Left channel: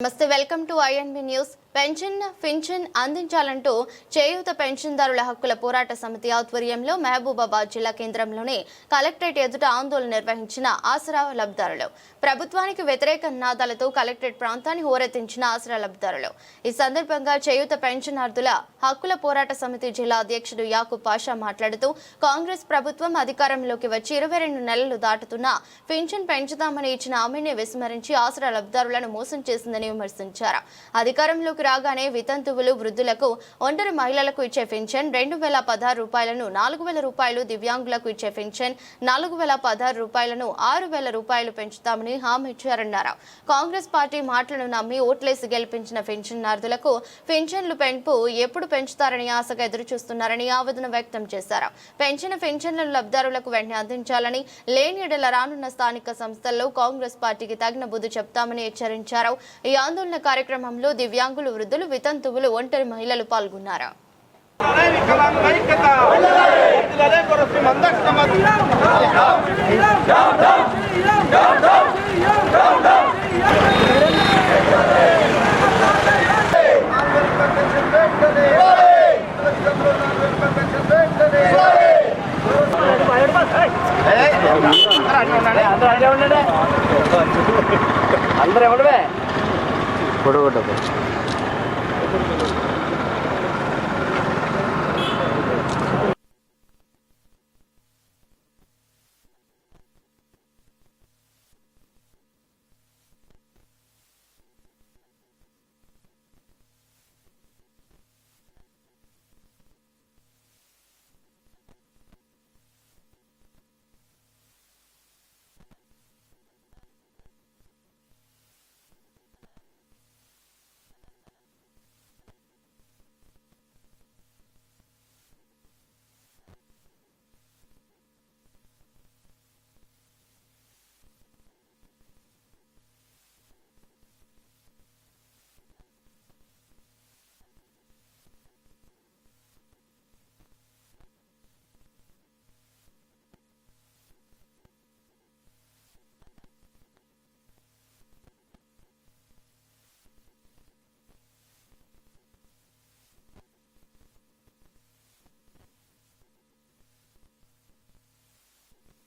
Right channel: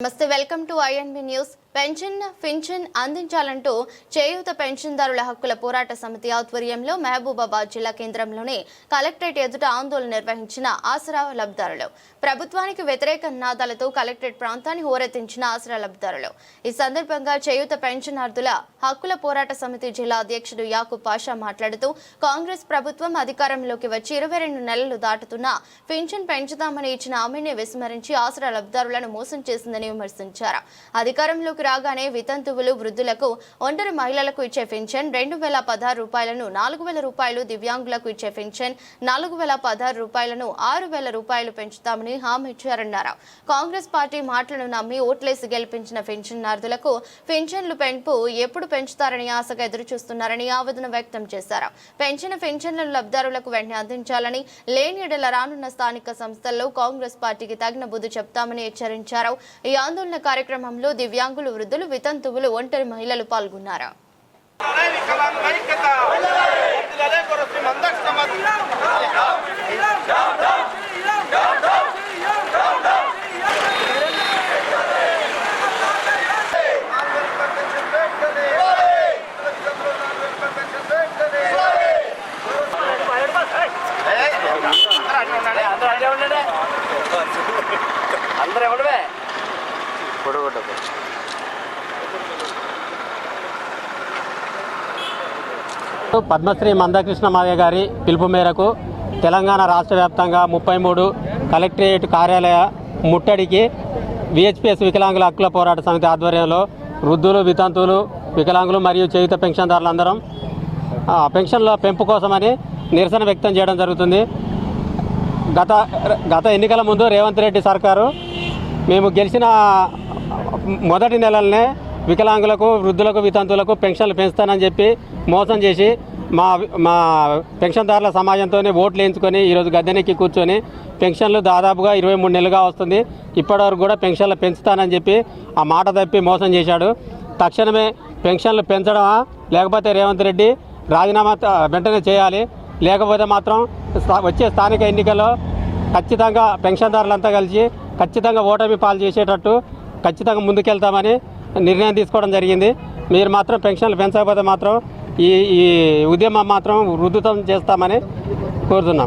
నమస్తే welcome to INB news Pension pension అందించాలంటూ చేయూత పెన్షన్దారుల హక్కుల పోరాట సమితి ఆధ్వర్యంలో మహబూబాబాద్ జిల్లా కేంద్రంలోని కలెక్టరేట్ ఎదుట ఆందోళన నిర్వహించిన ఆసరా లబ్ధిదారులు. ప్రభుత్వానికి వ్యతిరేక నినాదాలతో కలెక్టరేట్ ప్రాంతాన్ని హోరెత్తించిన ఆసరా లబ్ధారులు ఈ సందర్భంగా చేయూత పెన్షనార్థుల హక్కుల పోరాట సమితి జిల్లా అధ్యక్షుడు యాకూబ్ పాషా మాట్లాడుతూ కాంగ్రెస్ ప్రభుత్వం అధికారంలోకి వచ్చి ఇరవై రెండు నెలలు దాటుతున్నా పింఛన్ పెంచుదామని ఇచ్చిన హామీని విస్మరించి ఆసరా లబ్ధిదారులను మోసం చేసిందని విమర్శించారు. అధికారంలోకి రాగానే వితంతువులు వృద్ధులకు ఒంటరి మహిళలకు ఇచ్చే పింఛన్ రెండు వేల పదహారు రూపాయలను నాలుగు వేల రూపాయలు దివ్యాంగులకు ఇచ్చే పింఛన్ నాలుగు వేల పదహారు రూపాయలను ఆరు వేల రూపాయలు పెంచుతామని హామీ ఇచ్చారన్నారు. కాంగ్రెస్ పార్టీ మాటలను నమ్మి ఓట్లేసి గెలిపించిన పెన్షన్దారులకు పెన్షన్లు పెంపు ఎప్పుడు పెంచుతారని ఆశగా ఎదురు చూస్తున్నారని ఆవేదన వ్యక్తం చేశారు. పెంచిన పెన్షన్లను లబ్ధారులకు వెంటనే అందించాలని లేని ఎడల రానున్న స్థానిక సంస్థల్లో కాంగ్రెస్ పార్టీకి తగిన బుద్ధి చెప్తామని హెచ్చరించారు. ఈ ఆందోళన కార్యక్రమంలో దివ్యాంగులు వృద్ధులు వితంతువులు ఒంటరి మహిళలు పాల్గొన్నారు. అందరూ ఎవడవే పద్మశ్రీ మందకృష్ణ మావయ్య గారి పిలుపు మేరకు తెలంగాణ రాష్ట్ర వ్యాప్తంగా ముప్పై మూడు కలెక్టరేట్ కార్యాలయ ముట్టడికి విహెచ్పిఎస్ వికలాంగుల హక్కుల పోరాట సమితి ఆధ్వర్యంలో వృద్ధులు వితంతువులు వికలాంగులు మరియు చేయుత పెన్షన్దారులందరం ఆ, పెన్షన్ల పెంపు కోసమని నిరసన వ్యక్తం చేయడం జరుగుతుంది. గత గత ఎన్నికల ముందు రేవంత్ రెడ్డి సర్కారు మేము గెలిచిన మొదటి నెలలనే వికలాంగులకు వృద్ధులకు వితంతులకు పెన్షన్లు పెంచుతానని చెప్పి మోసం చేసి మా మా పెన్షన్దారుల సమాజంతో ఓట్లు వేయించుకొని ఈరోజు గద్దెనెక్కి కూర్చొని పెన్షన్లు దాదాపుగా ఇరవై మూడు నెలలుగా వస్తుంది. ఇప్పటివరకు కూడా పెన్షన్లు పెంచుతానని చెప్పి ఆ మాట తప్పి మోసం చేశాడు. తక్షణమే పెన్షన్లు పెంచడమా లేకపోతే రేవంత్ రెడ్డి రాజీనామా వెంటనే చేయాలి. లేకపోతే మాత్రం వచ్చే స్థానిక ఎన్నికల్లో ఖచ్చితంగా పెన్షన్దారులంతా కలిసి ఖచ్చితంగా ఓటమి పాలు చేసేటట్టు ఖచ్చితంగా ముందుకెళ్తామని నిర్ణయం తీసుకోవడం జరిగింది. మీరు మాత్రం పెన్షన్లు పెంచకపోతే మాత్రం ఈ ఈ ఉద్యమం మాత్రం వృద్ధుతం చేస్తామని కోరుతున్నాం.